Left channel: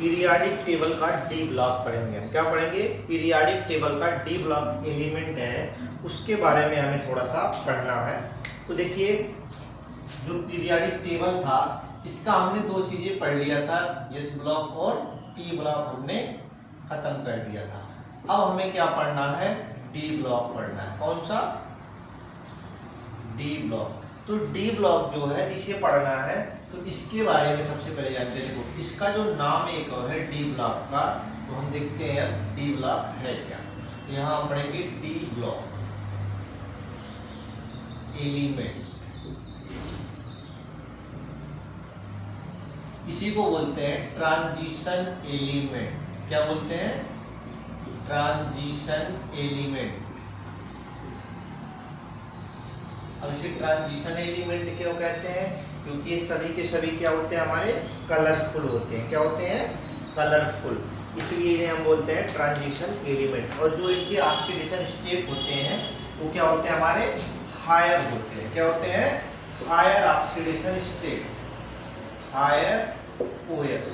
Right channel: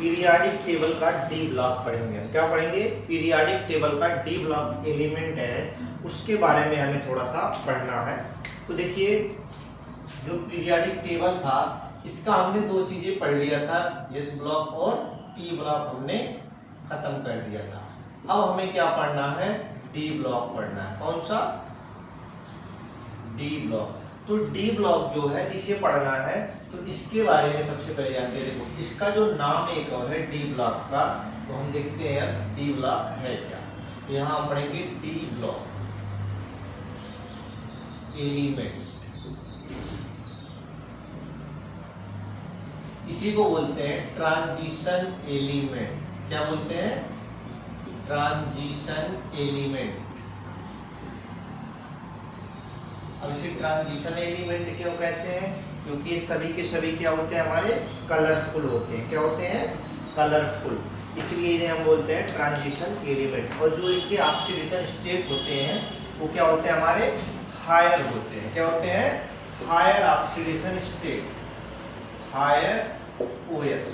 Periodic table का D block पढ़ेंगे। हम क्या पढ़ेंगे? पीरियाडिक टेबल का डी ब्लॉक एलिमेंट है उसके बारे में हमें थोड़ा सा पढ़ना है। तो देखिए, जो पीरियाडिक टेबल था इसका हमने दो चीजें पढ़ लिया था, एस ब्लॉक और पी ब्लॉक हमने खत्म कर दिया था। अब हमें क्या पढ़ना है? डी ब्लॉक पढ़ना है। कौन सा? D block. तो डी ब्लॉक जो है इसे पढ़ना है, तो इसके बारे में सबसे पहले जानते हैं। देखो, इसका जो नाम एक और है डी ब्लॉक का, तो हम देखते हैं अब डी ब्लॉक है क्या। यहां हम पढ़ेंगे डी ब्लॉक एलिमेंट, इसी को बोलते हैं ट्रांजिशन एलिमेंट। क्या बोलते हैं? Transition element. अब इसे ट्रांजिशन एलिमेंट क्यों कहते हैं? क्योंकि ये सभी के सभी क्या होते हैं? हमारे कलरफुल होते हैं। क्या होते हैं? कलरफुल। इसलिए इन्हें हम बोलते हैं ट्रांजिशन एलिमेंट। और जो इनके ऑक्सीडेशन स्टेट होते हैं वो क्या होते हैं? हमारे हायर होते हैं। क्या होते हैं? Higher oxidation state, higher OS.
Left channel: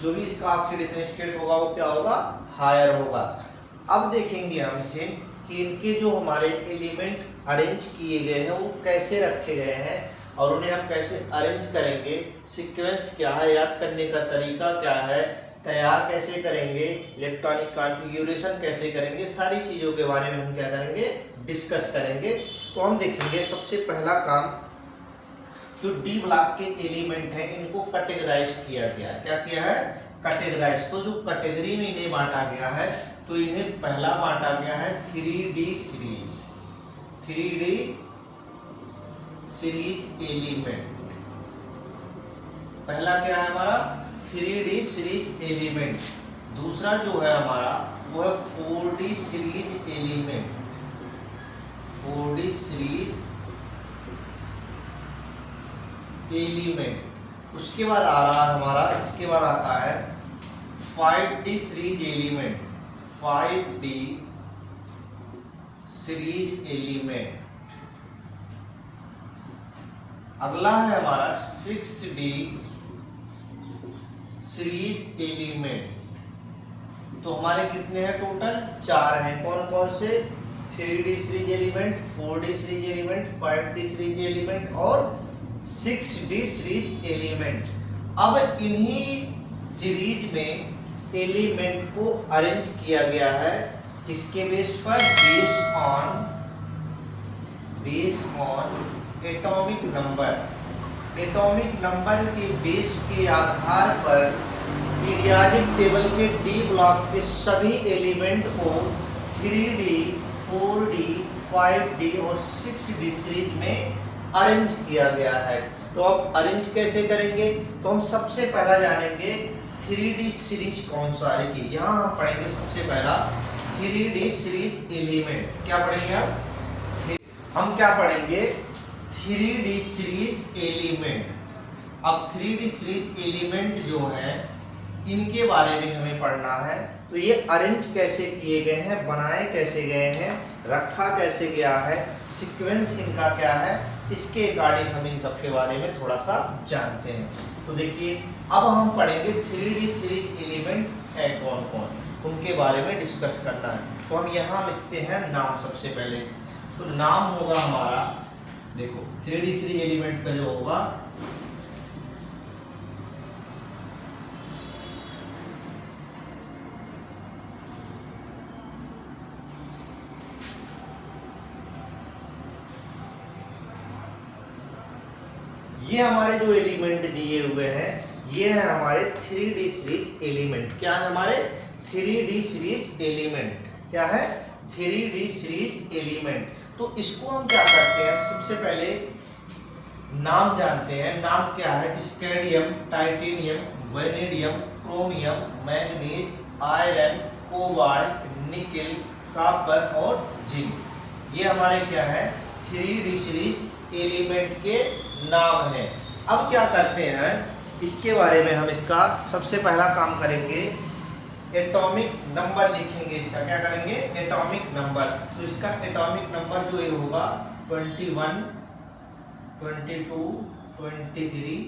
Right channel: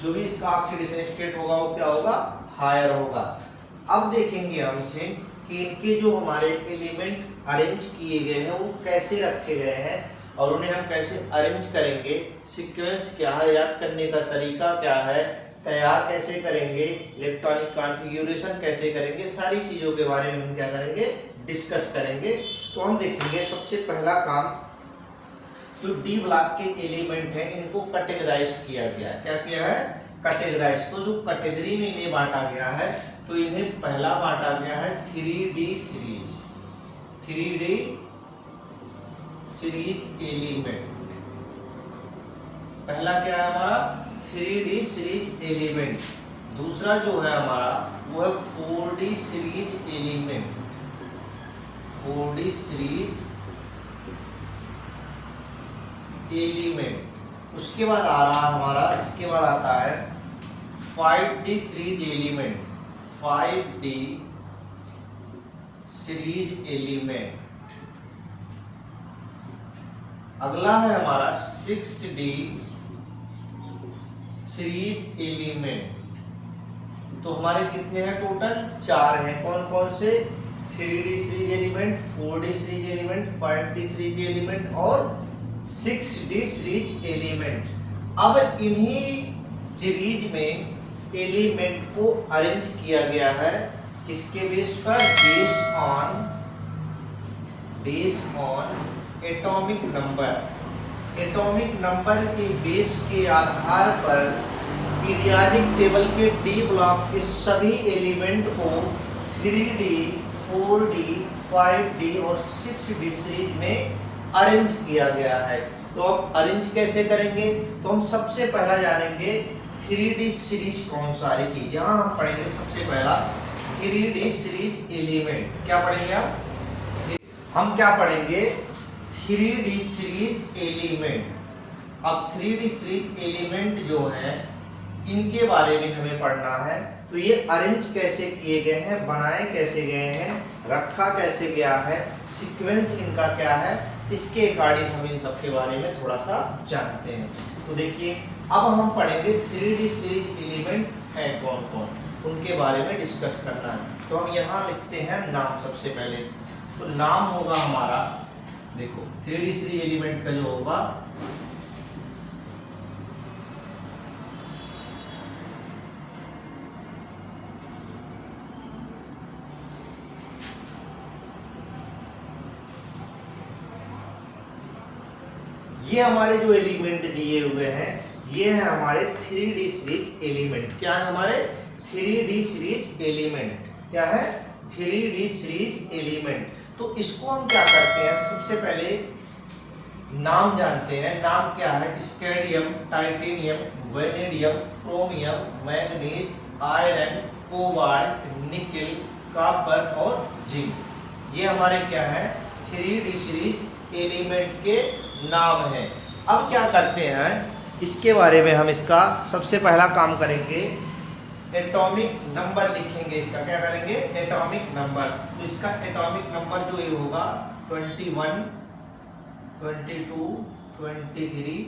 जो भी इसका ऑक्सीडेशन स्टेट होगा वो क्या होगा? हायर होगा। अब देखेंगे हम इसे कि इनके जो हमारे एलिमेंट अरेंज किए गए हैं वो कैसे रखे गए हैं और उन्हें हम कैसे अरेंज करेंगे, सीक्वेंस क्या है, याद करने का तरीका क्या है, तैयार कैसे करेंगे, इलेक्ट्रॉनिक कॉन्फ़िगरेशन कैसे करेंगे, सारी चीज़ों के बारे में हम क्या करेंगे? डिस्कस करेंगे। तो हम देखेंगे सबसे पहला काम, जो डी ब्लॉक के एलिमेंट हैं इनको कैटेगराइज किया गया है। क्या किया है? कैटेगराइज। तो जो कैटेगरी में इन्हें बांटा गया है, तो इन्हें पहला बांटा गया है 3D series, 3D series element. पहला क्या है हमारा? 3D series element. दूसरा जो है हमारा वो है 4D series element, 4D series element. उसके बाद आ रहा है हमारा, इसके बाद आता है 5D series element, 5D series element. अगला है हमारा 6D सीरीज एलिमेंट। तो हमारे कितने हैं टोटल? 4 हैं। कौन कौन से? 3D series element, 4D series element, 5D series element और 6D सीरीज एलिमेंट। अब इन्हीं सीरीज में एलिमेंट को अरेंज किया गया है किसके बेस पर? Base on atomic number. Atomic number के बेस के आधार पर पीरियाडिक टेबल के डी ब्लॉक के सभी एलिमेंट को 3D, 4D, 5D और 6D सीरीज में अरेंज किया गया है। तो अब अरेंज कैसे करेंगे? तो हम सबसे पहला जानेंगे 3D सीरीज कौन सा है। कि यहाँ हम पढ़ेंगे सबसे पहला 3D सीरीज एलिमेंट। क्या पढ़ेंगे हम क्या पढ़ेंगे? 3D series element. अब 3D सीरीज एलिमेंट जो है इनके बारे में हमें पढ़ना है। तो ये अरेंज कैसे किए गए हैं, बनाए कैसे गए हैं, रखा कैसे गया है, सीक्वेंस इनका क्या है, इसके अकॉर्डिंग हम इन सब के बारे में थोड़ा सा जानते हैं। तो देखिए, अब हम पढ़ेंगे 3D सीरीज एलिमेंट है कौन कौन, उनके बारे में डिस्कस करना है। तो हम यहाँ लिखते हैं नाम सबसे पहले। तो नाम होगा हमारा, देखो 3D सीरीज एलिमेंट का जो होगा ये हमारे जो एलिमेंट दिए हुए हैं ये है हमारे 3D सीरीज एलिमेंट। क्या है हमारे? 3D series element. क्या है? 3D series element. तो इसको हम क्या करते हैं? सबसे पहले नाम जानते हैं। नाम क्या है? Scandium, titanium, vanadium, chromium, manganese, iron, cobalt, nickel, copper और जिंक। ये हमारे क्या है? 3D सीरीज एलिमेंट के नाम है। अब क्या करते हैं इसके बारे में हम इसका सबसे पहला काम करेंगे, एटॉमिक नंबर लिखेंगे। इसका क्या करेंगे? Atomic number. तो इसका एटॉमिक नंबर जो ये होगा 21, 22, 23,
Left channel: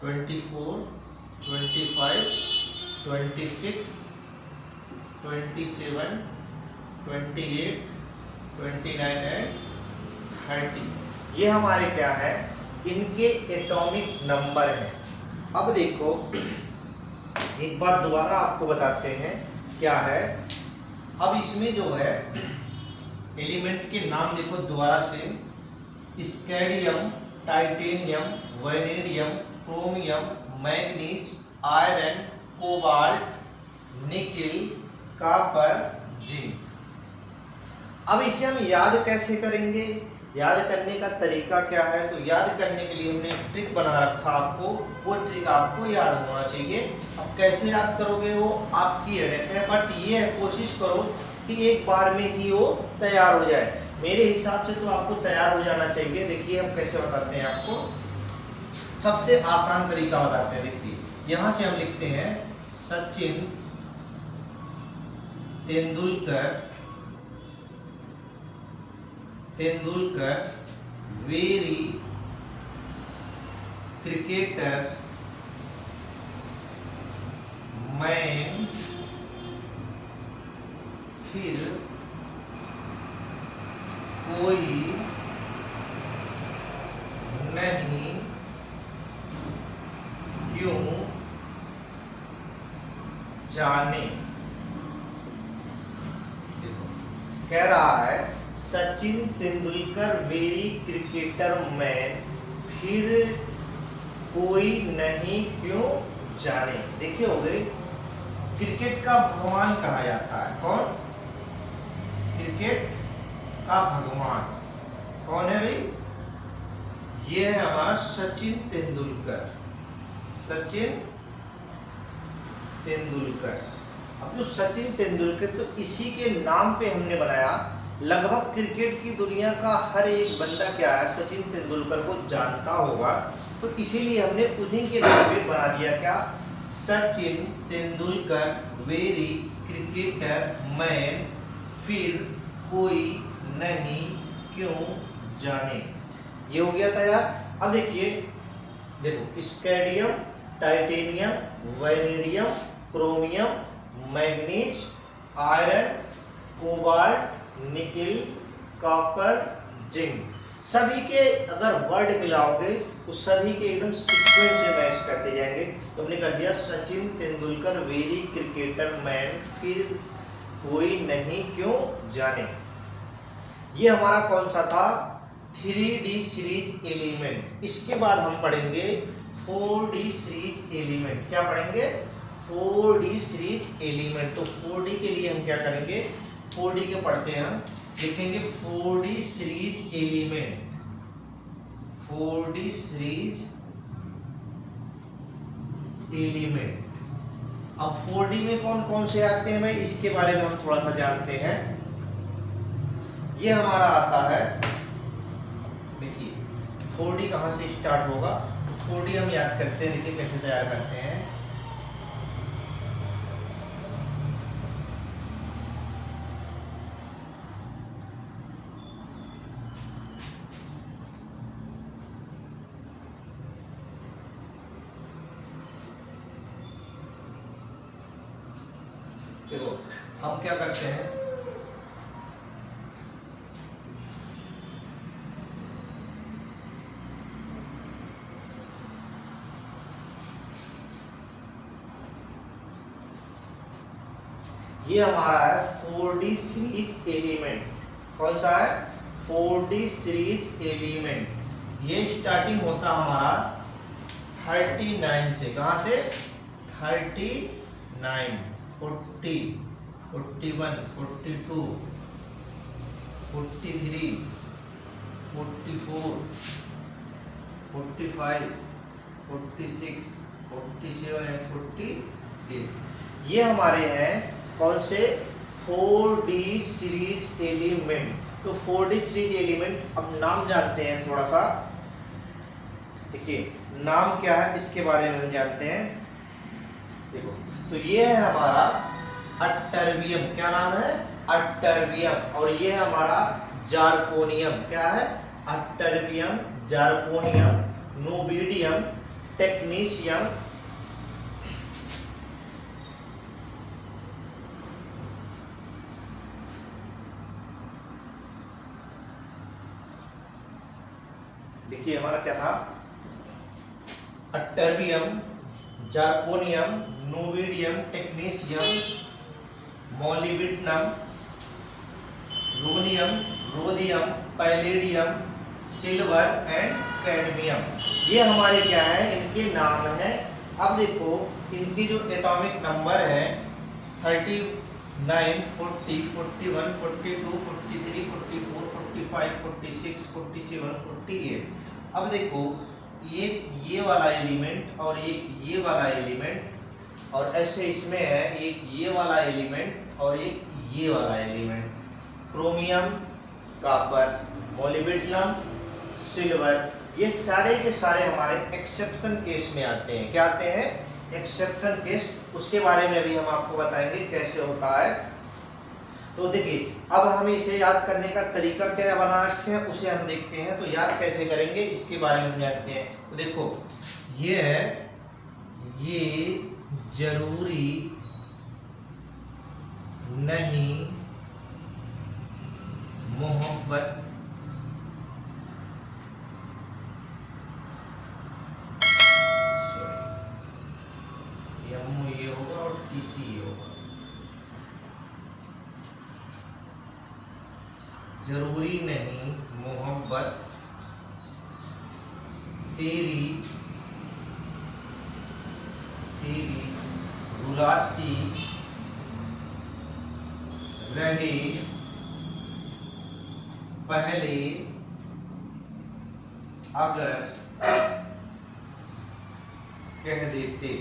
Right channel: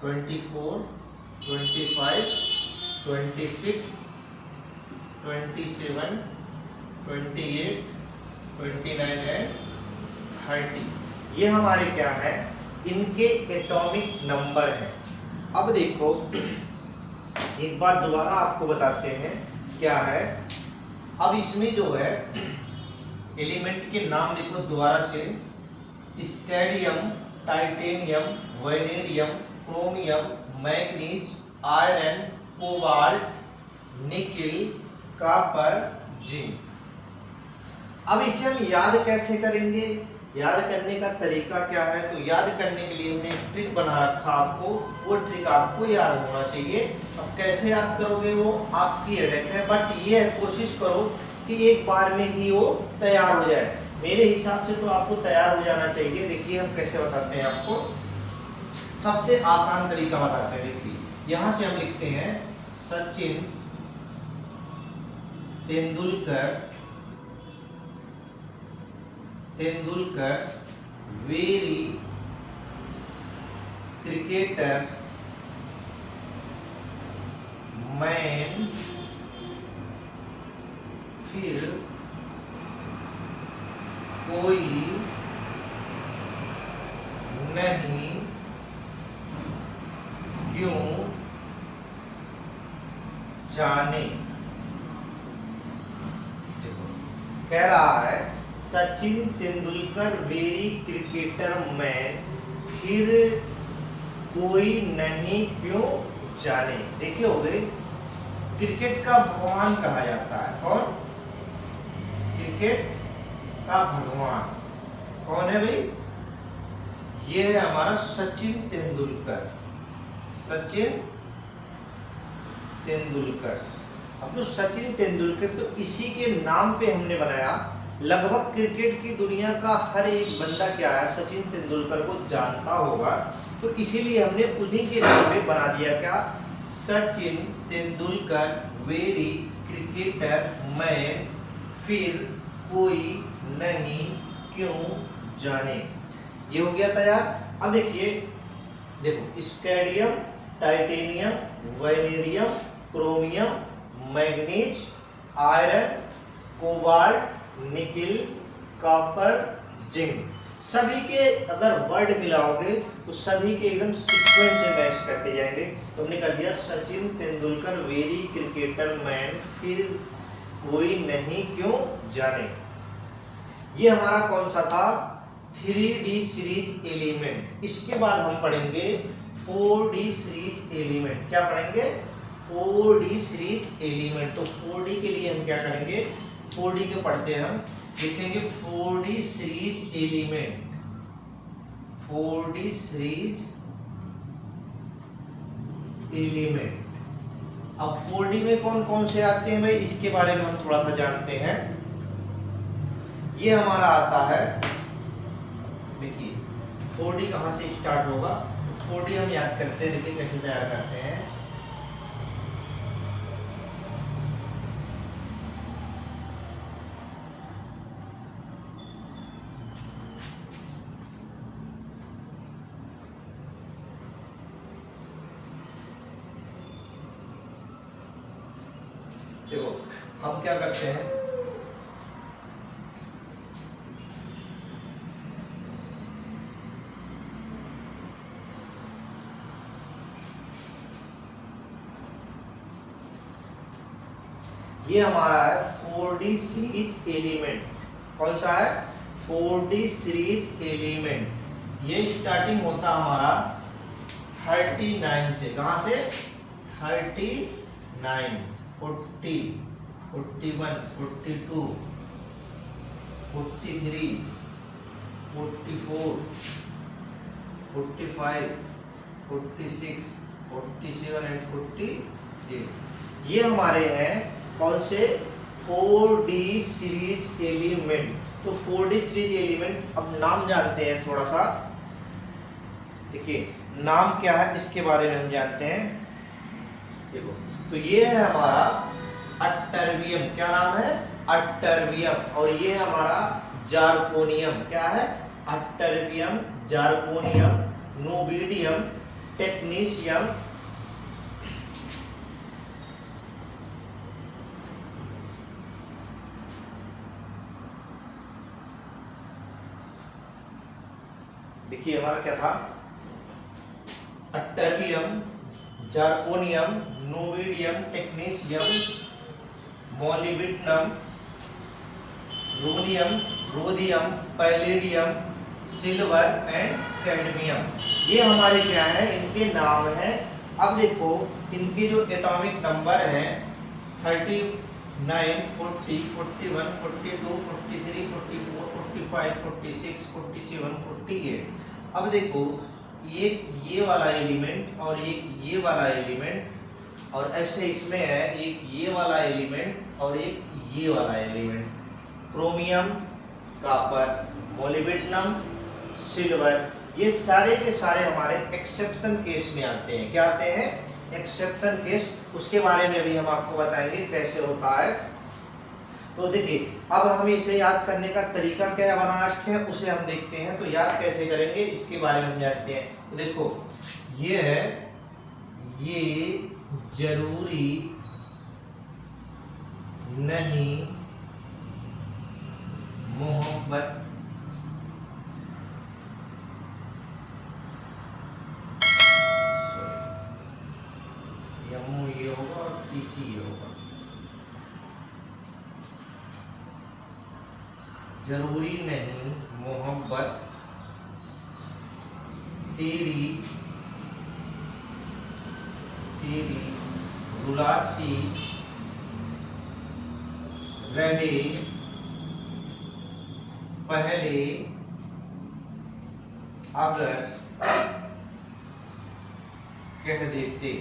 24, 25, 26, 27, 28, 29 एंड 30। ये हमारे क्या है, इनके एटॉमिक नंबर हैं। अब देखो एक बार दोबारा आपको बताते हैं क्या है। अब इसमें जो है एलिमेंट के नाम देखो दोबारा से, scandium, titanium, vanadium, chromium, manganese, iron, cobalt, nickel, copper, zinc. अब इसे हम याद कैसे करेंगे, याद करने का तरीका क्या है, तो याद करने के लिए हमने ट्रिक बना रखा आपको, वो ट्रिक आपको याद होना चाहिए। अब कैसे याद करोगे वो आपकी हेडेक है, बट ये है कोशिश करो कि एक बार में ही वो तैयार हो जाए। मेरे हिसाब से तो आपको तैयार हो जाना चाहिए। देखिए हम कैसे बताते हैं आपको, सबसे आसान तरीका बताते हैं। देखिए यहां से हम लिखते हैं Sachin Tendulkar very cricketer man, फिर कोई नहीं क्यों जाने। देखो कह रहा है Sachin Tendulkar very cricketer man, फिर कोई नहीं क्यों जाने। देखिए हो गए, क्रिकेट का भगवान कहा जाता है। कौन? क्रिकेट का भगवान कौन है भाई? ये है हमारा सचिन तेंदुलकर। सचिन तेंदुलकर। अब जो सचिन तेंदुलकर, तो इसी के नाम पे हमने बनाया। लगभग क्रिकेट की दुनिया का हर एक बंदा क्या है, सचिन तेंदुलकर को जानता होगा, तो इसीलिए हमने उन्हीं के नाम पे बना दिया क्या, Sachin Tendulkar very cricketer man, फिर कोई नहीं क्यों जाने। ये हो गया तैयार। अब देखिए, देखो scandium, titanium, vanadium, chromium, manganese, iron, cobalt, nickel, copper, zinc, सभी के अगर वर्ड मिलाओगे तो सभी के एकदम सीक्वेंस में मैच करते जाएंगे। तो हमने कर दिया Sachin Tendulkar very cricketer man, फिर कोई नहीं क्यों जाने। ये हमारा कौन सा था, 3D सीरीज एलिमेंट। इसके बाद हम पढ़ेंगे 4D सीरीज एलिमेंट। क्या पढ़ेंगे? 4D series element. तो 4D के लिए हम क्या करेंगे, 4D के पढ़ते हैं हम, लिखेंगे 4D series element. 4D series element. अब 4D में कौन कौन से आते हैं भाई, इसके बारे में हम थोड़ा सा जानते हैं। ये हमारा आता है, देखिए 4D कहां से स्टार्ट होगा, तो 4D हम याद करते हैं। देखिए कैसे तैयार करते हैं। देखो हम क्या करते हैं, ये हमारा है 4D सीरीज एलिमेंट। कौन सा है? 4D series element. ये स्टार्टिंग होता हमारा 39 से। कहां से? 39, 40, 41, 42, 43, 44, 45, 46, 47 एंड 48। ये हमारे हैं कौन से? 4D series element. तो 4D सीरीज एलिमेंट, अब नाम जानते हैं थोड़ा सा। देखिए नाम क्या है इसके बारे में हम जानते हैं। देखो तो ये है हमारा अट्टरबियम। क्या नाम है? अट्टरबियम। और ये है हमारा जारकोनियम। क्या है? अट्टरबियम, जारकोनियम, नोबिडियम, टेक्नीशियम, देखिए हमारा क्या था, ytterbium, zirconium, niobium, technetium, molybdenum, ruthenium, rhodium, palladium, silver and cadmium. ये हमारे क्या है, इनके नाम हैं। अब देखो इनके जो एटॉमिक नंबर है 39, 40, 41, 42, 43, 44, 45, 46, 47, 48। अब देखो एक ये वाला एलिमेंट और एक ये वाला एलिमेंट, और ऐसे इसमें है एक ये वाला एलिमेंट और एक ये वाला element. Chromium, copper, molybdenum, silver, ये सारे के सारे हमारे एक्सेप्शन केस में आते हैं। क्या आते हैं, एक्सेप्शन केस। उसके बारे में भी हम आपको बताएंगे कैसे होता है। तो देखिए अब हमें इसे याद करने का तरीका क्या बना रखे हैं उसे हम देखते हैं। तो याद कैसे करेंगे इसके बारे में हम जानते हैं। तो देखो ये है, ये जरूरी नहीं मोहब्बत ये होगा और टीसी ये होगा। जरूरी नहीं मोहब्बत तेरी रुलाती रहे पहले अगर कह देते।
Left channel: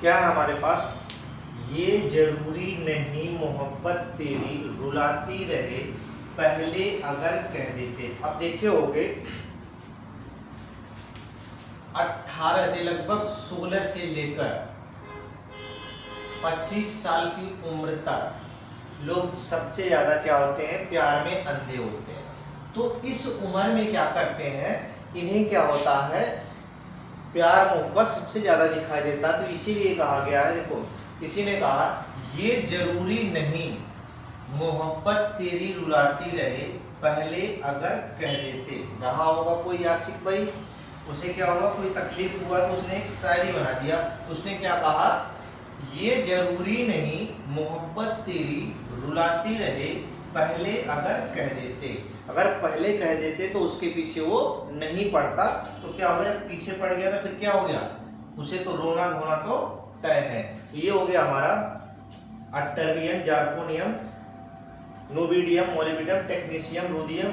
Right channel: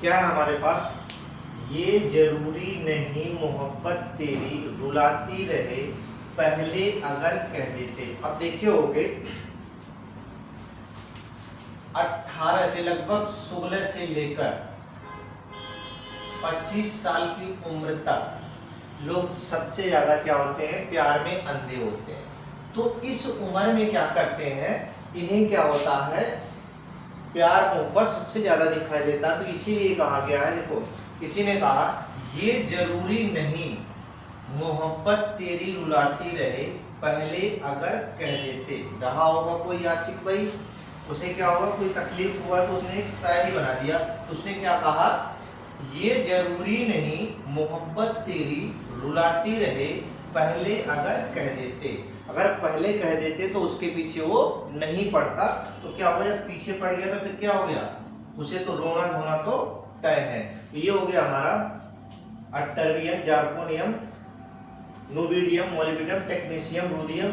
क्या है हमारे पास, ये जरूरी नहीं मोहब्बत तेरी रुलाती रहे पहले अगर कह देते। अब देखे होगे 18 से लगभग 16 से लेकर 25 साल की उम्र तक लोग सबसे ज्यादा क्या होते हैं, प्यार में अंधे होते हैं। तो इस उम्र में क्या करते हैं, इन्हें क्या होता है, प्यार मोहब्बत सबसे ज्यादा दिखाई देता है। तो इसीलिए कहा गया है, देखो किसी ने कहा ये जरूरी नहीं मोहब्बत तेरी रुलाती रहे पहले अगर कह देते। रहा होगा कोई आशिक भाई, उसे क्या हुआ, कोई तकलीफ हुआ तो उसने एक शायरी बना दिया। तो उसने क्या कहा, ये जरूरी नहीं मोहब्बत तेरी रुलाती रहे पहले अगर कह देते। अगर पहले कह देते तो उसके पीछे वो नहीं पड़ता। तो क्या हो गया, पीछे पड़ गया तो फिर क्या हो गया, उसे तो रोना धोना तो तय है। ये हो गया हमारा ytterbium, zirconium, niobium, molybdenum, technetium, rhodium,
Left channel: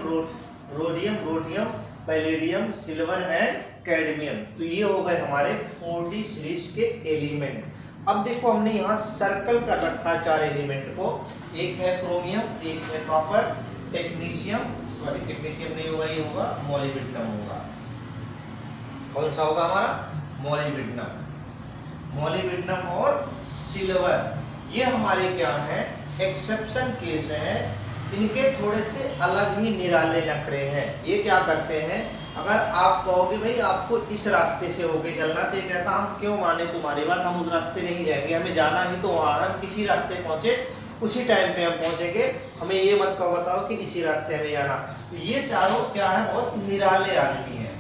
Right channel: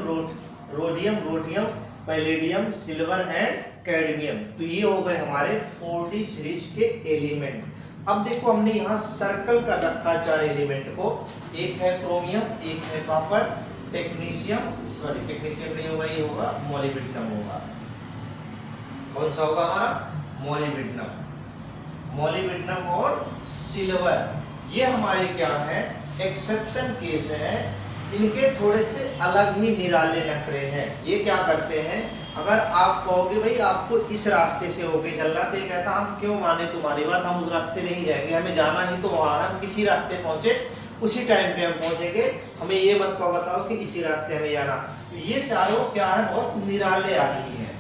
rhodium, palladium, silver and cadmium. तो ये हो गए हमारे 40 सीरीज के एलिमेंट। अब देखो हमने यहाँ सर्कल कर रखा 4 एलिमेंट को। एक है क्रोमियम, एक है कॉपर, टेक्नीशियम नहीं होगा, ये होगा मोलिब्डेनम होगा। कौन सा होगा हमारा, मोलिब्डेनम और सिल्वर। ये हमारे क्या है, एक्सेप्शन केस है। इनके थोड़े से अलग ही निराले नखरे हैं। ये क्या करते हैं, अगर आप कहोगे भाई आपको इस रास्ते से होके चलना, तो ये कहता हम क्यों माने तुम्हारी बात, हम उस रास्ते नहीं जाएंगे, हमें जाना ही तो वहाँ है, हम किसी रास्ते पहुंचे उसी टाइम पे हम पहुंचेंगे, हमें ये मत कहो बताओ कि इसी रास्ते हमें जाना। तो ये चारों क्या है, बहुत निराले आदमी है,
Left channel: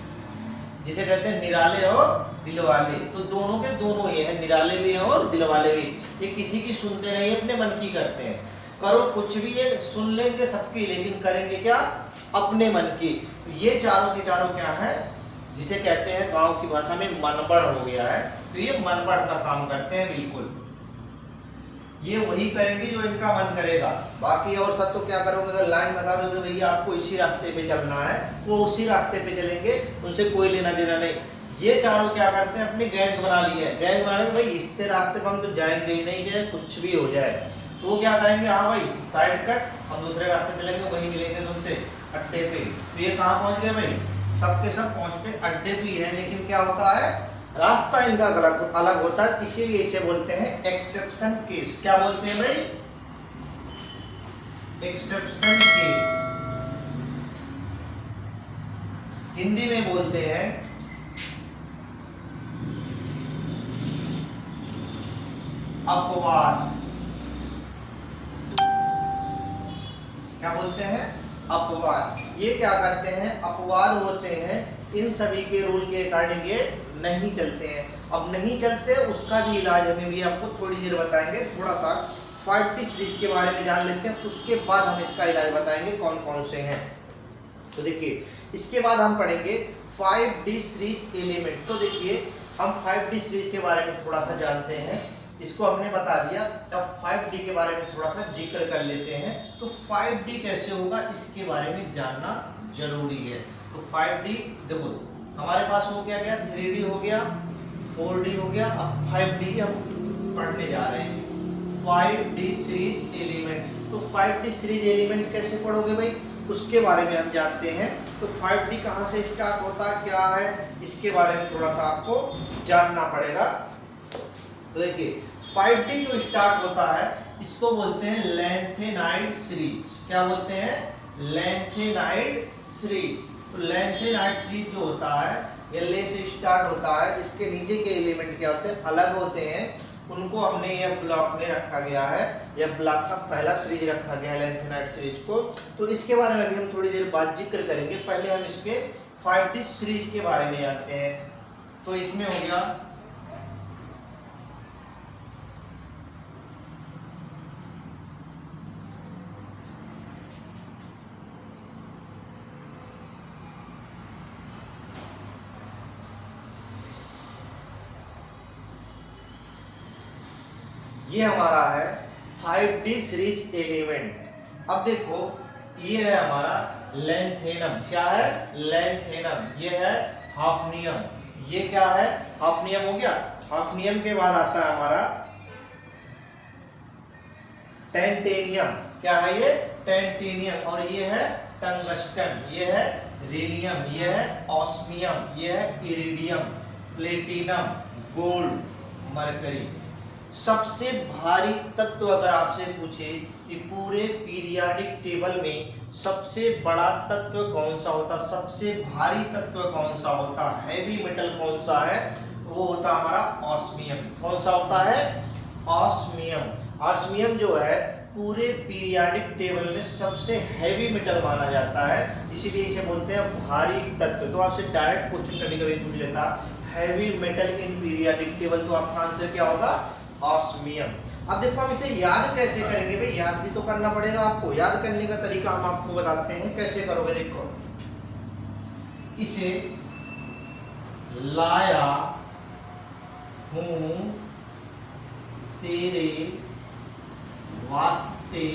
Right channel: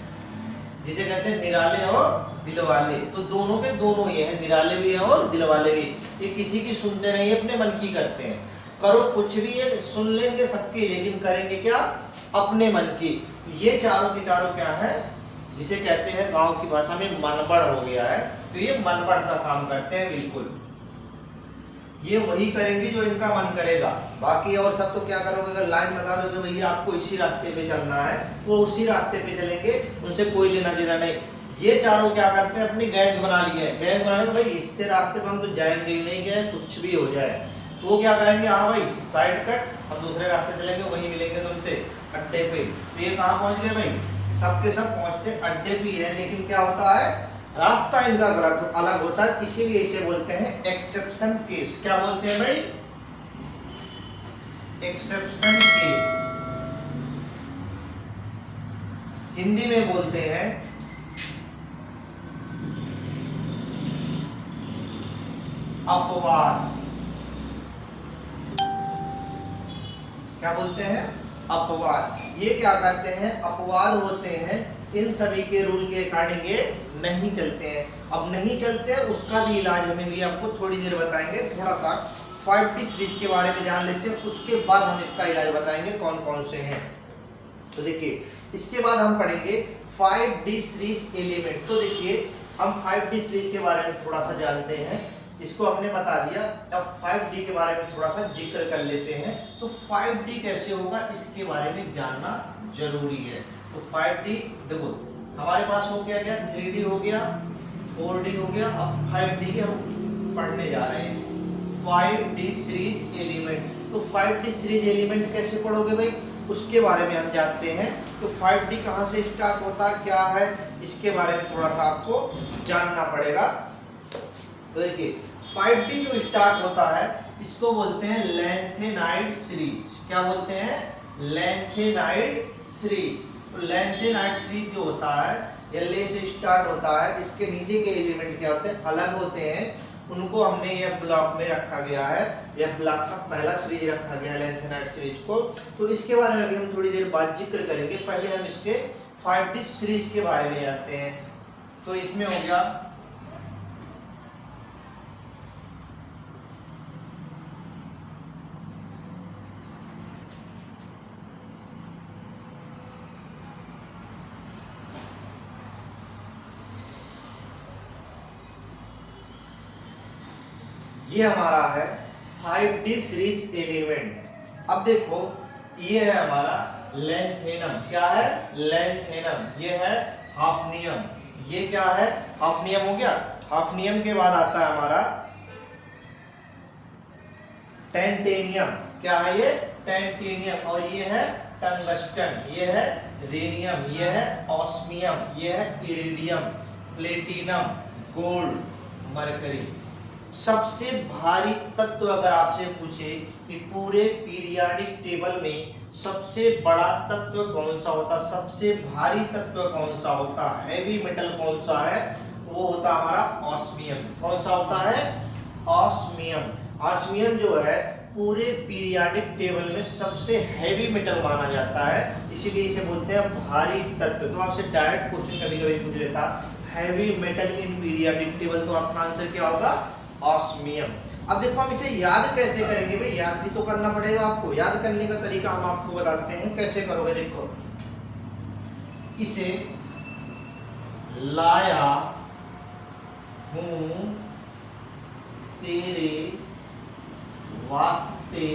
जिसे कहते हैं निराले और दिलवाले। तो दोनों के दोनों ये है, निराले भी हैं और दिलवाले भी। ये किसी की सुनते नहीं, अपने मन की करते हैं। करो कुछ भी है, सुन लेंगे सबकी, लेकिन करेंगे क्या, अपने मन की। तो ये चारों के चारों क्या है, जिसे कहते हैं गांव की भाषा में मनबड़ हो गया है। तो ये मनबड़ का काम करते हैं बिल्कुल। ये वही करेंगे जो इनका मन करेगा। बाकी और सब तो क्या करोगे, अगर लाइन बता दोगे भैया आपको इसी रास्ते पे चलना है, वो उसी रास्ते पे चलेंगे, उनसे कोई लेना देना नहीं। ये चारों क्या करते हैं, अपनी गैंग बना ली है। गैंग बनाने को भाई इससे रास्ते पर हम तो जाएंगे ही नहीं, गए कुछ भी हो जाए। तो वो क्या करेंगे, हाँ भाई साइड कट, हम दूसरे रास्ते चलेंगे, वहीं मिलेंगे तुमसे अड्डे पे। तो ये कहाँ पहुंच गए भाई, सबके सब पहुंचते अड्डे पे है, लेकिन क्या होता है, रास्ता इनका गलत अलग होता है। इसीलिए इसे बोलते हैं एक्सेप्शन केस। क्या बोलते हैं भाई, एक्सेप्शन केस। हिंदी में बोलते हैं अपवाद। क्या बोलते हैं, अपवाद। ये क्या करते हैं, अपवाद होते हैं, इन सभी के रूल के अकॉर्डिंग ये नहीं चलते हैं। अब नहीं चलते, उसका भी इलाज हमें भी आपको थोड़ी देर बताएंगे। थोड़ा सा 5D सीरीज के बारे में जान लेते हैं, उसके बाद हम इसका इलाज बताएंगे कौन कौन से हैं। तो देखिए, इसके बाद हम पढ़ेंगे 5D सीरीज एलिमेंट। तो देखिए, हम 5D सीरीज के बारे में थोड़ा सा जानते हैं, इसको हमने बता दिया। अब 5D के बारे में थोड़ा सा जिक्र कर लेते हैं। तो 5D कैसे होगा, इसके बारे में जानना जरूरी है। तो 5D देखो, हमारे पास हो गया क्या, 3D हो गया, 4D हो गया, अब 5D हम पढ़ने जा रहे हैं, 5D सीरीज एलिमेंट। तो 5D सीरीज एलिमेंट कैसे पढ़ोगे भाई, उसके बारे में हम जानते हैं। तो 5D कहाँ से स्टार्ट होता है, क्या है, इसके बारे में थोड़ा सा आपको जानना पड़ेगा। तो देखिए, 5D जो स्टार्ट होता है, इसको बोलते हैं लेंथेनाइड सीरीज। क्या बोलते हैं, लेंथेनाइड सीरीज। तो लेंथेनाइड सीरीज जो होता है, LA से स्टार्ट होता है। इसके नीचे के एलिमेंट क्या होते हैं, अलग होते हैं, उनको हमने यह ब्लॉक में रखा गया है। यह ब्लॉक का पहला सीरीज रखा गया है लेंथेनाइड सीरीज को। तो इसके बारे में भी हम थोड़ी देर बाद जिक्र करेंगे। पहले हम इसके 5D सीरीज के बारे में जानते हैं। तो इसमें हो गया, ये हमारा है 5D सीरीज एलिमेंट। अब देखो, ये है हमारा लेंथेनम। क्या है, लेंथेनम। ये है हाफनियम। ये क्या है, हाफनियम हो गया। हाफनियम के बाद आता है हमारा टेंटेनियम। क्या है ये, टेंटेनियम। और ये है टंगस्टन, ये है रेनियम, ये है ऑस्मियम, ये है इरिडियम, प्लेटिनम, गोल्ड, मरकरी। सबसे भारी तत्व अगर आपसे पूछे कि पूरे पीरियाडिक टेबल में सबसे बड़ा तत्व कौन सा होता, सबसे भारी तत्व कौन सा होता, हैवी मेटल कौन सा है, तो वो होता हमारा ऑस्मियम। कौन सा होता है, ऑस्मियम। ऑस्मियम जो है पूरे पीरियाडिक टेबल में सबसे हैवी मेटल माना जाता है, इसीलिए इसे बोलते हैं भारी तत्व। तो आपसे डायरेक्ट क्वेश्चन कभी कभी पूछ लेता, हैवी मेटल इन पीरियाडिक टेबल, तो आपका आंसर क्या होगा, ऑस्मियम। अब देखो, हम इसे याद कैसे करेंगे भाई, याद भी तो करना पड़ेगा आपको। याद करने का तरीका हम आपको बताते हैं, कैसे करोगे। देखो, इसे लाया हूं तेरे वास्ते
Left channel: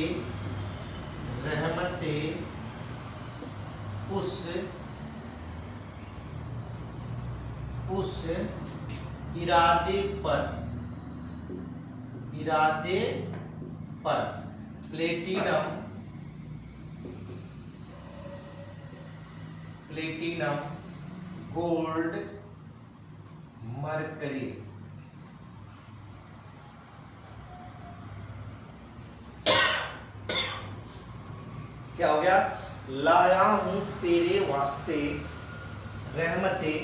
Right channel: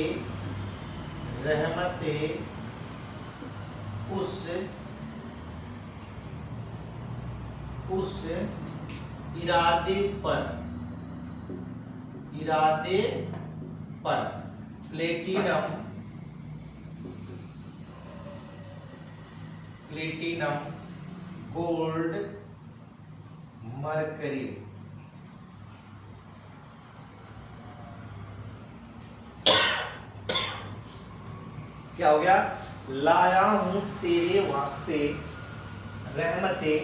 रहमते उस इरादे पर प्लेटिनम गोल्ड मरकरी। क्या हो गया, लाया हूं तेरे वास्ते रहमते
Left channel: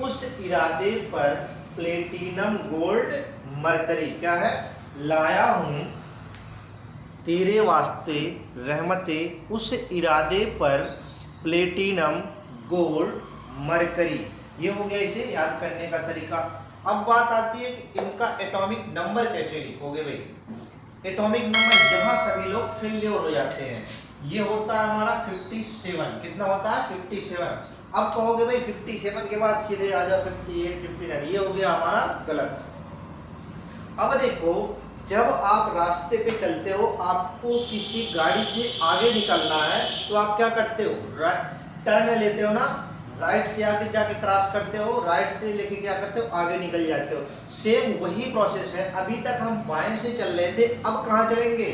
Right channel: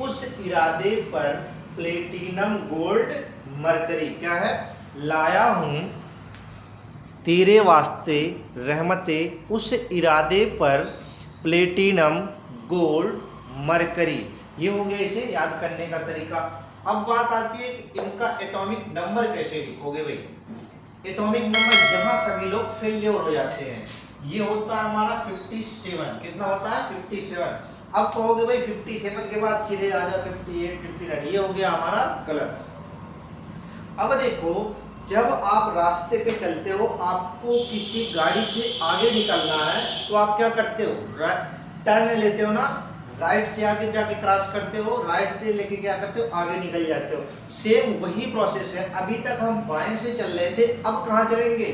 उस इरादे पर प्लेटिनम गोल्ड मरकरी। क्या है, लाया हूं तेरे वास्ते रहमते उस इरादे पर प्लेटिनम गोल्ड मरकरी। ये हो गया इसे याद करने का तरीका। अब बात आती है कि इनका एटॉमिक नंबर कैसे लिखोगे भाई। एटॉमिक नंबर जहां सभी लोग फेल्योर हो जाते हैं, ये होता है हमारा 57। कितना होता है, 57। अब कहोगे भाई 57 के बाद सीधे आ जाओ 58, 59, ये हो गया हमारा गलत। अब देखो, जब आप रास्ते पे चलते हो, आपको किसी गाड़ी से आगे निकलना है, तो आप क्या करते हो, टर्न लेते हो ना, राइट से आगे जाके क्रॉस करते हो, राइट से लेके क्या करते हो, आगे निकल जाते हो। सेम वही प्रोसेस है। अभी तक हम बाएं से चल रहे थे, अब कहाँ चलेंगे,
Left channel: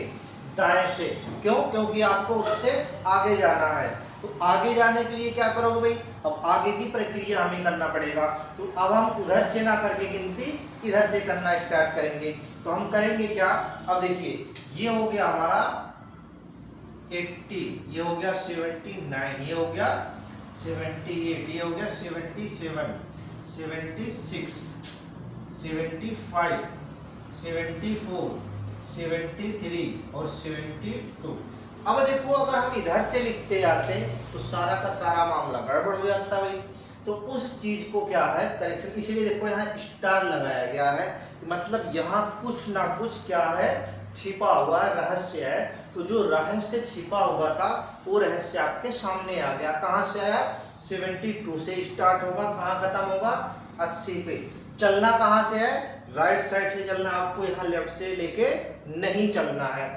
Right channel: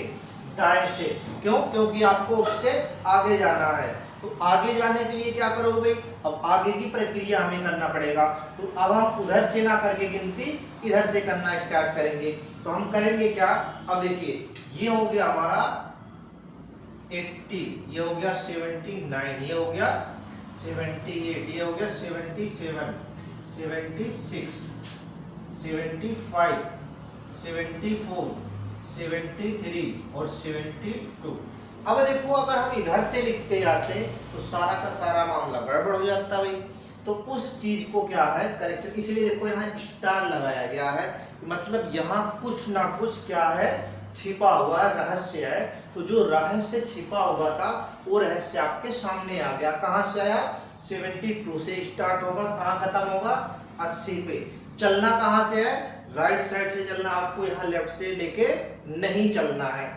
दाएं से। क्यों, क्योंकि आपको उससे आगे जाना है। तो आगे जाने के लिए क्या करोगे भाई, अब आगे की प्रक्रिया हमें करना पड़ेगा। तो अब हम उधर से ना करके गिनती इधर से करना स्टार्ट करेंगे। तो हम करेंगे क्या, अब देखिए, ये हो गया हमारा 80, ये हो गया 79, ये हो गया 78, ये हो गया 77, 76, 75, 74, 73 और 72। अब देखो अगर हम इधर से लिखते जाते तो सारा का सारा मामला गड़बड़ हो जाता भाई। तो उस चीज को क्या है करेक्शन, इसलिए देखो यहाँ स्टार लगाया गया है, मतलब यहाँ कुछ ना कुछ क्या है छिपा हुआ रहस्य है। तो जो रहस्य छिपा हुआ था वो रहस्य आपके सामने आ गया। कहाँ से आया? 72 से स्टार्ट होगा, कहाँ खत्म होगा? 80 पे। चलना कहाँ से है? राइट साइड से चलना, आपको यहाँ लेफ्ट से लेके नहीं चलना है।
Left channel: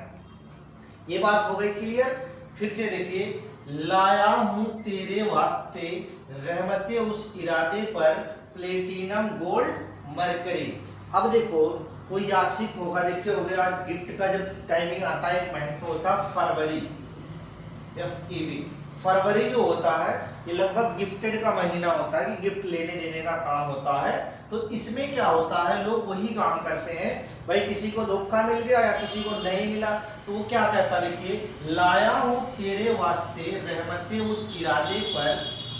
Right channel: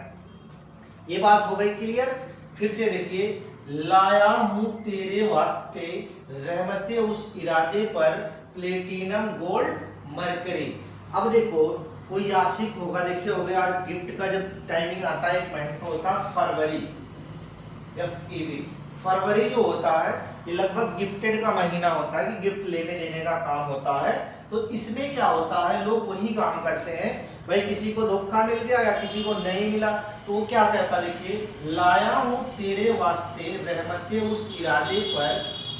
ये बात हो गई क्लियर। फिर से देखिए, लाया हूं तेरे वास्ते रहमते उस इरादे पर प्लेटिनम गोल्ड मरकरी। अब देखो कोई आशिक होगा, देखिए हो गया आज गिफ्ट का जब टाइमिंग आता है, एक महीना होता है फरवरी, FEB। फरवरी जो होता है ये लगभग गिफ्टेड का महीना होता है कि गिफ्ट लेने देने का काम होता है। तो इसमें क्या होता है, लोग वही काम करते हैं भाई, किसी को धोखा मिल गया या किसी को नहीं मिला तो वो क्या कहता, देखिए लाया हूं तेरे वास्ते रहमते उस इरादे पर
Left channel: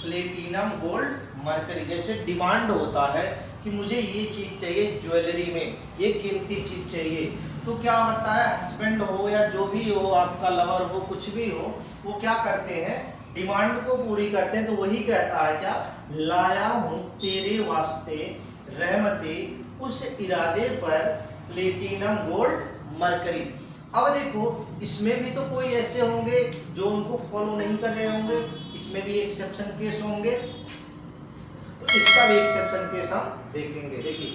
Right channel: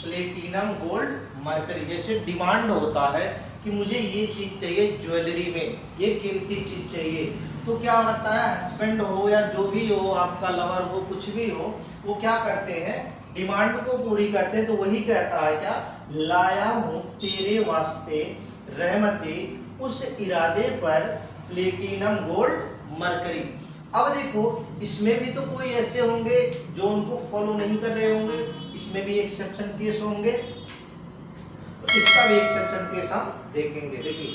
प्लेटिनम गोल्ड मरकरी। जैसे डिमांड होता है कि मुझे ये चीज चाहिए ज्वेलरी में, ये कीमती चीज चाहिए, तो क्या होता है हस्बैंड हो या जो भी हो, आपका लवर हो, कुछ भी हो, वो क्या करते हैं डिमांड को पूरी करते हैं। तो वही कहता है क्या, लाया हूं तेरे वास्ते रहमते उस इरादे पर प्लेटिनम गोल्ड मरकरी। अब देखो इसमें भी तो कोई ऐसे होंगे जो उनको फॉलो नहीं कर रहे होंगे, इसमें भी एक्सेप्शन केस होंगे, तो इसका भी एक्सेप्शन केस हम देखेंगे। देखिए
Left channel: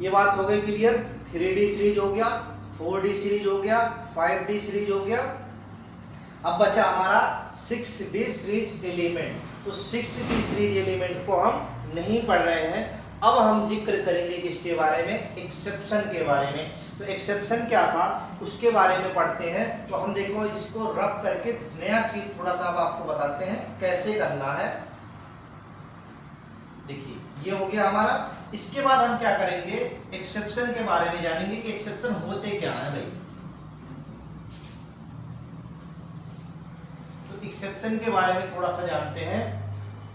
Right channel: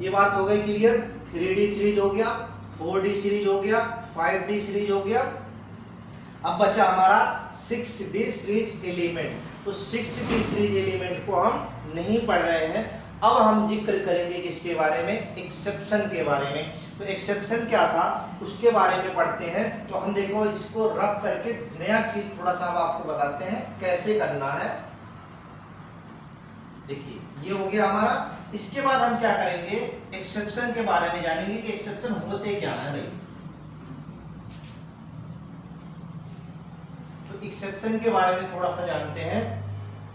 ये बात हो गई क्लियर। 3D सीरीज हो गया, 4D सीरीज हो गया, 5D सीरीज हो गया। अब बचा हमारा 6D सीरीज एलिमेंट। तो 6D सीरीज एलिमेंट को हम नहीं पढ़ रहे हैं, अब हम जिक्र करेंगे किसके बारे में, एक्सेप्शन के बारे में। तो एक्सेप्शन क्या था उसके बारे में पढ़ते हैं। तो हम देखो इसको रफ करके नया चीज थोड़ा सा अब आपको बताते हैं कैसे करना है। देखिए ये हो गया हमारा। इसके बाद हम क्या करेंगे, एक्सेप्शन के बारे में जानेंगे कि एक्सेप्शन होते क्या है भाई। तो एक्सेप्शन के बारे में थोड़ा सा जानते हैं।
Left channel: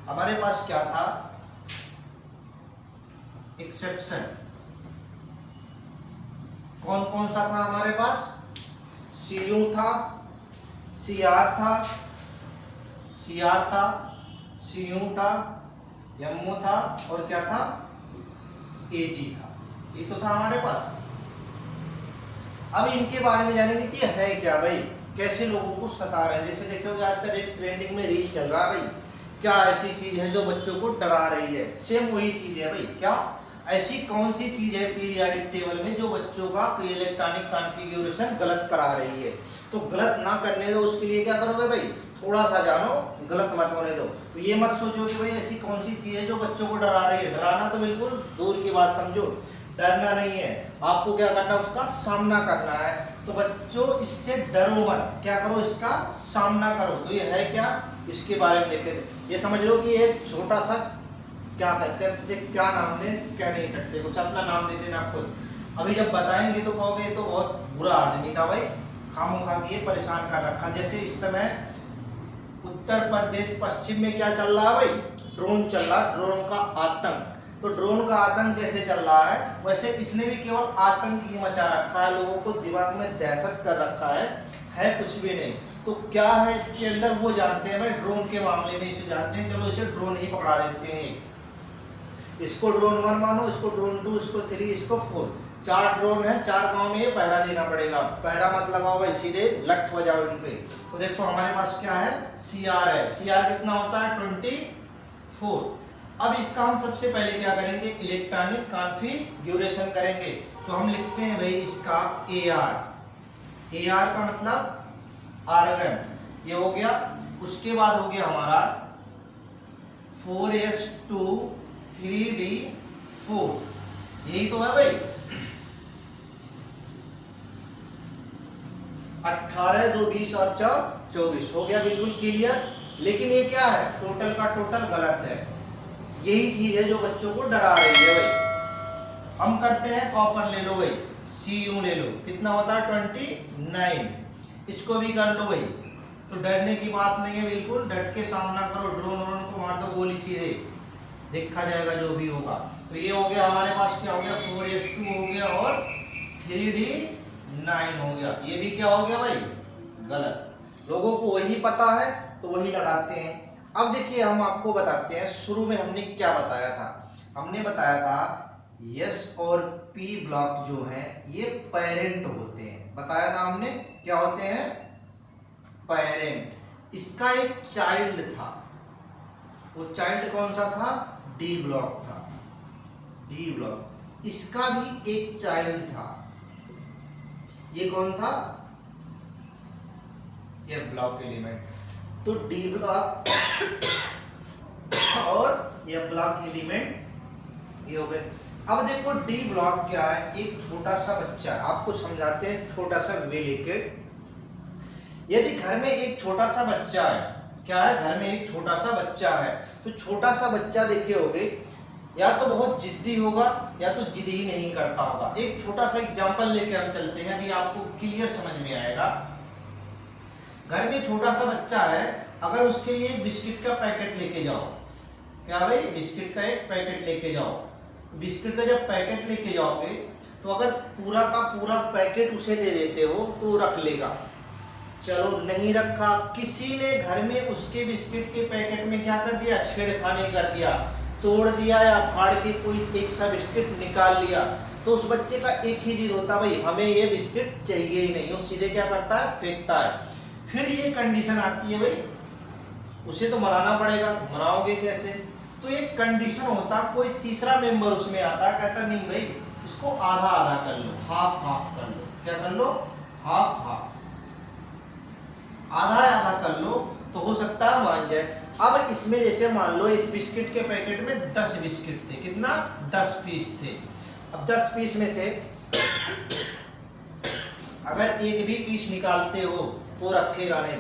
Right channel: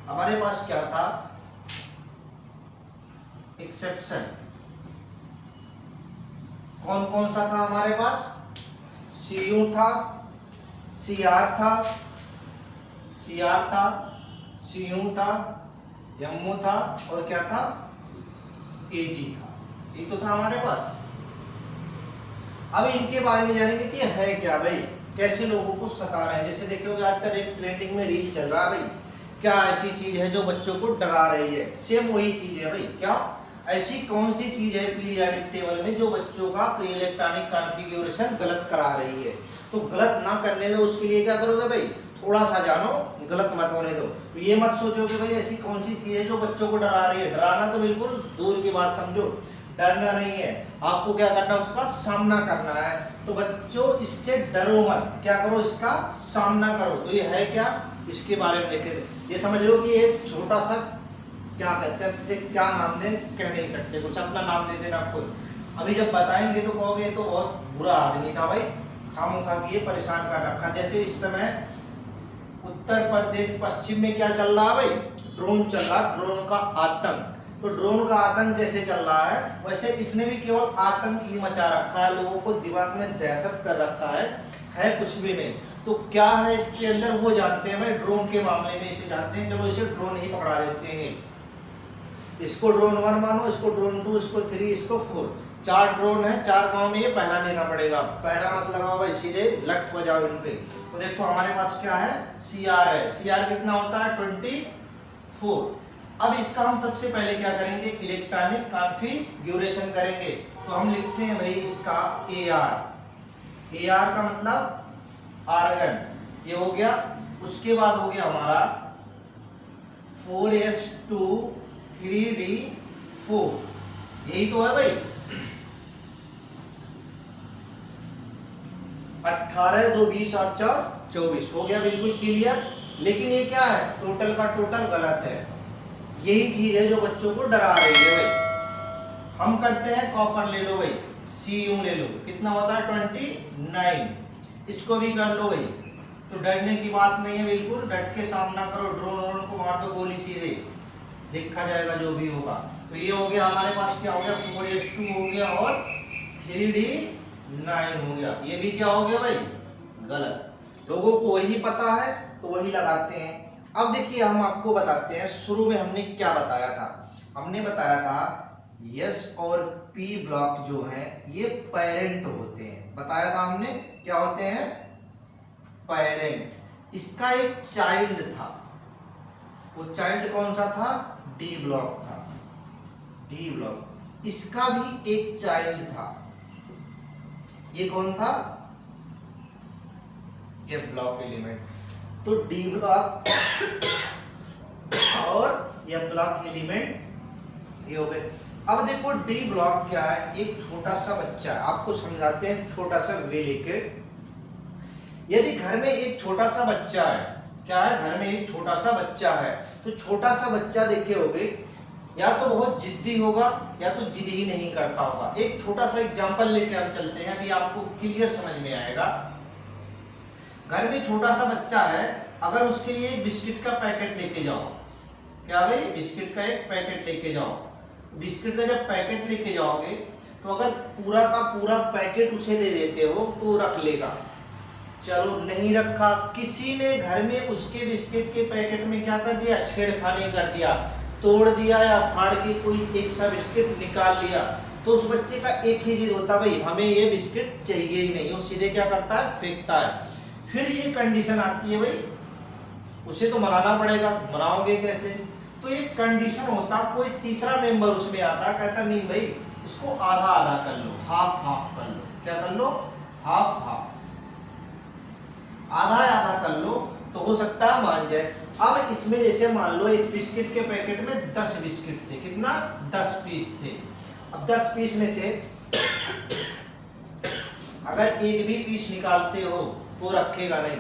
हमारे पास क्या था एक्सेप्शन, कौन कौन सा था हमारे पास, CU था, CR था, CR था, CU था, MO था और क्या था AG था। ये तो था हमारे पास। अब इनके बारे में जानेंगे कि है क्या भाई, कैसे लोगों को सता रहे हैं। जैसे देखोगे आजकल एक ट्रेंडिंग में रील चल रहा है भाई, क्या ऐसी चीज है जो बच्चों को डरा रही है। सेम वही चीज है भाई। क्या ऐसी कौन सी चीज है पीरियोडिक टेबल में जो बच्चों का इलेक्ट्रॉनिक कॉन्फ़िगरेशन गलत करा रही है। तो गलत ना करने दो, उसके लिए क्या करोगे भाई, थोड़ा सा जानो, गलत मत होने दो। तो ये मत सोचो कि भाई ऐसी कौन सी चीज है जो बच्चों को डरा रही है। डराना तो बिल्कुल दूर की बात समझो, डरना नहीं है, आपको क्या करना है उसका सामना करना है। तो बच्चों इससे डरो मत, क्या करो इसका सामना करो। तो ये है क्या, इसके बारे में देखें। ये समझ लो कि एक छोटा सा क्या कहते हैं, इसे क्या नाम दें कह नहीं सकते, कुछ अपना नाम दे देना खुद। अभी जब बताएंगे तो कहोगे तो बहुत बुरा आदमी था भाई, खामोखा किए परेशान कर रखा। जैसे इस समय उत्तर प्रदेश पश्चिम में क्या चल रहा है भाई, ड्रोन चल रहा, ड्रोन का आतंक। तो ड्रोन का आतंक जैसे चल रहा है वैसे इसने भी केवल आतंक ही मचा रखा है, लोगों को दिमाग में दहशत कर रखा है कुछ भी नहीं। तो क्या है इसके अंदर वो जानते हैं भाई, ड्रोन के मामले में इसे जानते हैं, चलो इसे ड्रोन ही पकड़ा देते हैं। इसको ड्रोन 1 मानो, इसको ड्रोन 2, इसको 3, इसको 4, 4 ड्रोन है, 4 गांव में ये पहरा देना पड़ेगा। पहरा मत लगाओ भाई, सीधे लट बजाओ इन पे। तो देखो हमारे पास क्या है, CR है। CR कितना होता है 24। अब इसका हम सबसे पहले क्या करेंगे, इलेक्ट्रॉनिक कॉन्फ़िगरेशन करेंगे। तो हम लिखते हैं भाई इसका AR का मतलब आर्गन, ये हो गया। उसके बाद हो गया हमारा 4s2 3d4, यही तो है भाई। 18 2 20 और 4 24 हो गया, बिल्कुल क्लियर। लेकिन ये क्या है, टोटल का टोटल गलत है। यही चीज है जो बच्चों को डरा रही है भाई। हम करते हैं कॉपर ले लो भाई, CU ले लो, कितना होता है 29, इसको भी कर लो भाई। तो डरने की बात नहीं है, बिल्कुल डट के सामना करो, ड्रोन व्रोन को मार दो गोली सीधे, देखा जाएगा जो भी होगा। तो ये हो गया हमारे पास, क्या हो गया 4s2 हो गया और 3D 9 हो गया। ये भी क्या हो गया भाई, गलत। लोगों को वही पता है तो वही लगाते हैं। अब देखिए हम आपको बताते हैं, शुरू में हमने क्या बताया था। हमने बताया था यस और पी ब्लॉक जो है ये पेरेंट होते हैं। बताया था हमने क्या होते हैं, पेरेंट। इसका एक चाइल्ड था, वो चाइल्ड कौन सा था, डी ब्लॉक था, डी ब्लॉक। इसका भी एक चाइल्ड था, ये कौन था, एफ ब्लॉक एलिमेंट। तो डी ब्लॉक और एफ ब्लॉक एलिमेंट ये हो गए। अब देखो डी ब्लॉक क्या है, एक छोटा सा बच्चा है। आपको समझाते हैं छोटा सा वे लेके। यदि घर में एक छोटा सा बच्चा है, क्या है, घर में एक छोटा सा बच्चा है, तो छोटा सा बच्चा देखे होगे या तो बहुत जिद्दी होगा या तो जिद ही नहीं करता होगा। एक छोटा सा एग्जांपल लेके हम चलते हैं, अभी आपको क्लियर समझ में आएगा। घर में छोटा सा बच्चा है, अगर उसके लिए बिस्किट का पैकेट लेके जाओ, क्या भाई, बिस्किट का एक पैकेट लेके जाओ। बिस्किट का जब पैकेट लेके जाओगे तो अगर पूरा का पूरा पैकेट उसे दे देते हो तो रख लेगा। चलो नहीं रखा, किसी ने घर में उसके बिस्किट के पैकेट में क्या कर दिया, छेड़खानी कर दिया, तोड़ दिया या फाड़ के कोई एक सा बिस्किट निकाल लिया, तो उस बच्चे का एक ही चीज होता, भाई हमें ये बिस्किट चाहिए ही नहीं, वो सीधे क्या करता है, फेंकता है। फिर ये कंडीशन आती है, भाई उसे तो मनाना पड़ेगा, मनाओगे कैसे। तो एक कंडीशन होता, कोई तीसरा मेंबर उसमें आता, कहता नहीं भाई इसको आधा आधा कर लो, हाफ हाफ कर लो। क्या कर लो, हाफ हाफ, आधा आधा कर लो, तो हो सकता है मान जाए। अब इसमें जैसे मान लो इस बिस्किट के पैकेट में 10 बिस्किट थे, कितना, 10 पीस थे। अब 10 पीस में से अगर एक भी पीस निकालते हो तो रखेगा नहीं,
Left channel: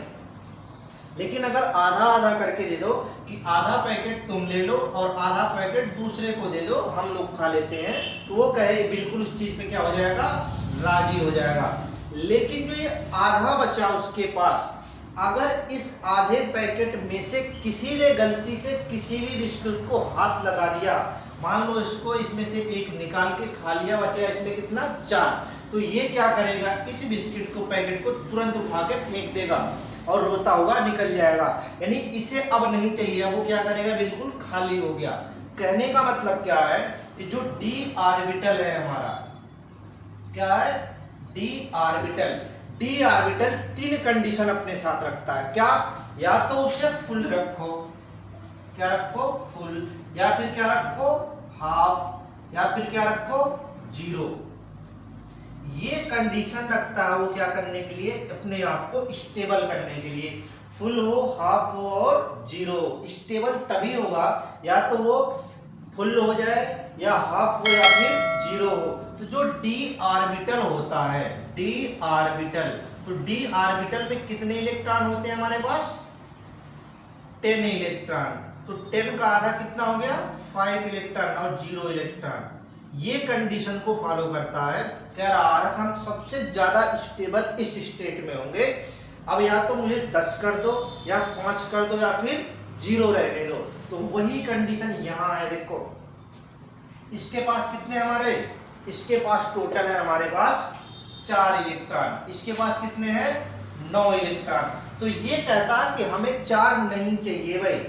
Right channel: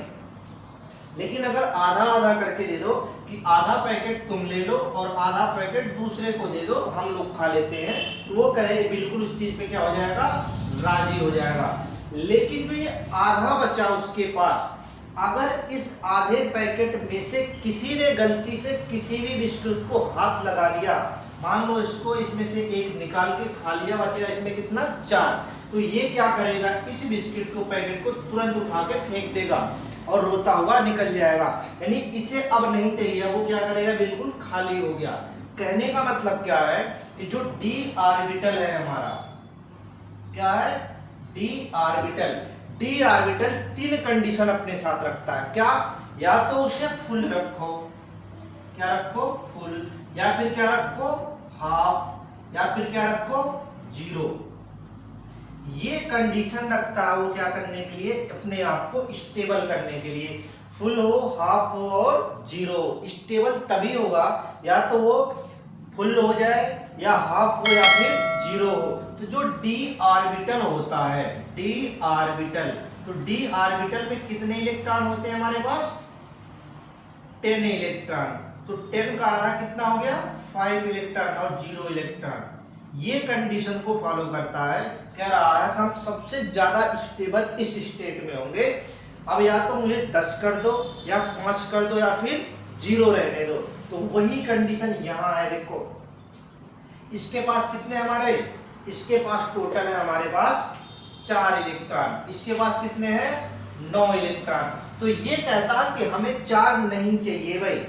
लेकिन अगर आधा आधा करके दे दो कि आधा पैकेट तुम ले लो और आधा पैकेट दूसरे को दे दो, हम लोग खा लेते हैं, तो वो कहे बिल्कुल उस चीज पे क्या हो जाएगा, राजी हो जाएगा। लेकिन जो ये आधा बचा उसके पास, अगर इस आधे पैकेट में से किसी ने गलती से किसी भी बिस्कुट को हाथ लगा दिया, मान लो इसको इसमें से एक निकाल के खा लिया, बचेगा इसमें कितना, 4, तो ये क्या करेगा, इस बिस्किट को पैकेट को तुरंत उठा के फेंक देगा और रोता हुआ निकल जाएगा। यानी इसे अब नहीं चाहिए, वो क्या करेगा, बिल्कुल खाली हो गया। कहने का मतलब क्या है कि जो डी ऑर्बिटल है हमारा, क्या है, D orbital. D orbital 3 condition अपने साथ रखता है। क्या, या तो उसे फुल रखो, क्या रखो, फुल, या फिर क्या रखो, हाफ, या फिर क्या रखो, 0। ये कंडीशन रखता है वो क्या करने के लिए, अपने आप को स्टेबल करने के लिए। फुल हो, हाफ हो और 0। स्टेबल तभी होगा या तो वो फुल हो जाए या हाफ हो या फिर 0 हो। तो जो डी ऑर्बिटल होता है, डी ऑर्बिटल, तो डी ऑर्बिटल में कितने इलेक्ट्रॉन होते हैं हमारे पास, 10 इलेक्ट्रॉन। तो 10 का आधा कितना हो गया, 5 इलेक्ट्रॉन और 0 इलेक्ट्रॉन। ये कंडीशन को फॉलो करता है। कह रहा है हम सबसे ज्यादा स्टेबल इस स्टेट में होंगे। अब या तो मुझे 10 कर दो या 5 कर दो या फिर 0 रहने दो। तो वही कंडीशन यहां है। देखो इसके पास कितने हमारे, इसके पास टोटल है हमारे पास 4 इलेक्ट्रॉन, इसके पास कितने हैं, 9 इलेक्ट्रॉन। तो ये कहता कि हमें 4 नहीं चाहिए भाई,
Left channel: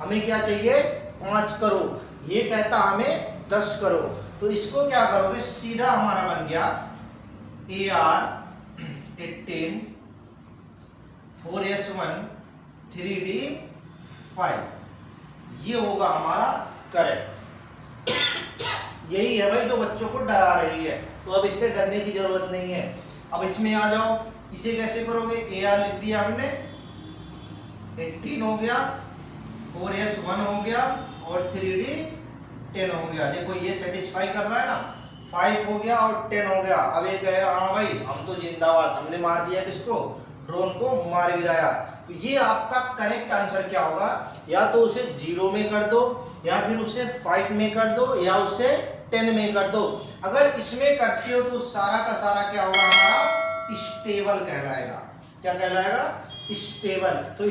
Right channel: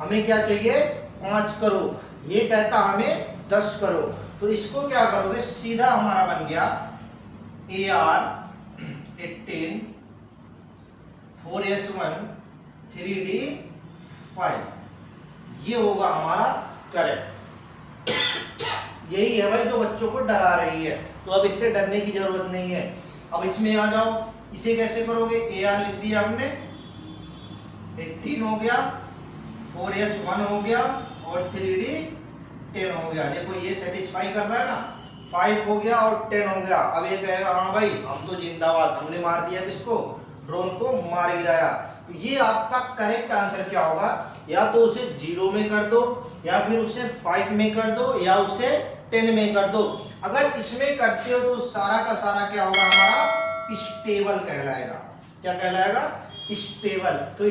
हमें क्या चाहिए, 5 करो। ये कहता हमें 10 करो। तो इसको क्या करोगे, सीधा हमारा बन गया AR18 4S1 3D5, ये होगा हमारा करंट। यही है भाई जो बच्चों को डरा रही है। तो अब इससे डरने की जरूरत नहीं है। अब इसमें आ जाओ, इसे कैसे करोगे, AR लिख दिया हमने, 18 हो गया, 4S1 हो गया और 3D10 हो गया। देखो ये सेटिस्फाई कर रहा है ना, 5 हो गया और 10 हो गया। अब ये कहेगा हाँ भाई हम तो जिंदाबाद, हमने मार दिया किसको, ड्रोन को मार गिराया। तो ये आपका करेक्ट आंसर क्या होगा, या तो उसे 0 में कर दो या फिर उसे 5 में कर दो या उसे 10 में कर दो। अगर इसमें करते हो तो सारा का सारा क्या होगा, हमारा स्टेबल कहलाएगा। क्या कहलाएगा, स्टेबल। तो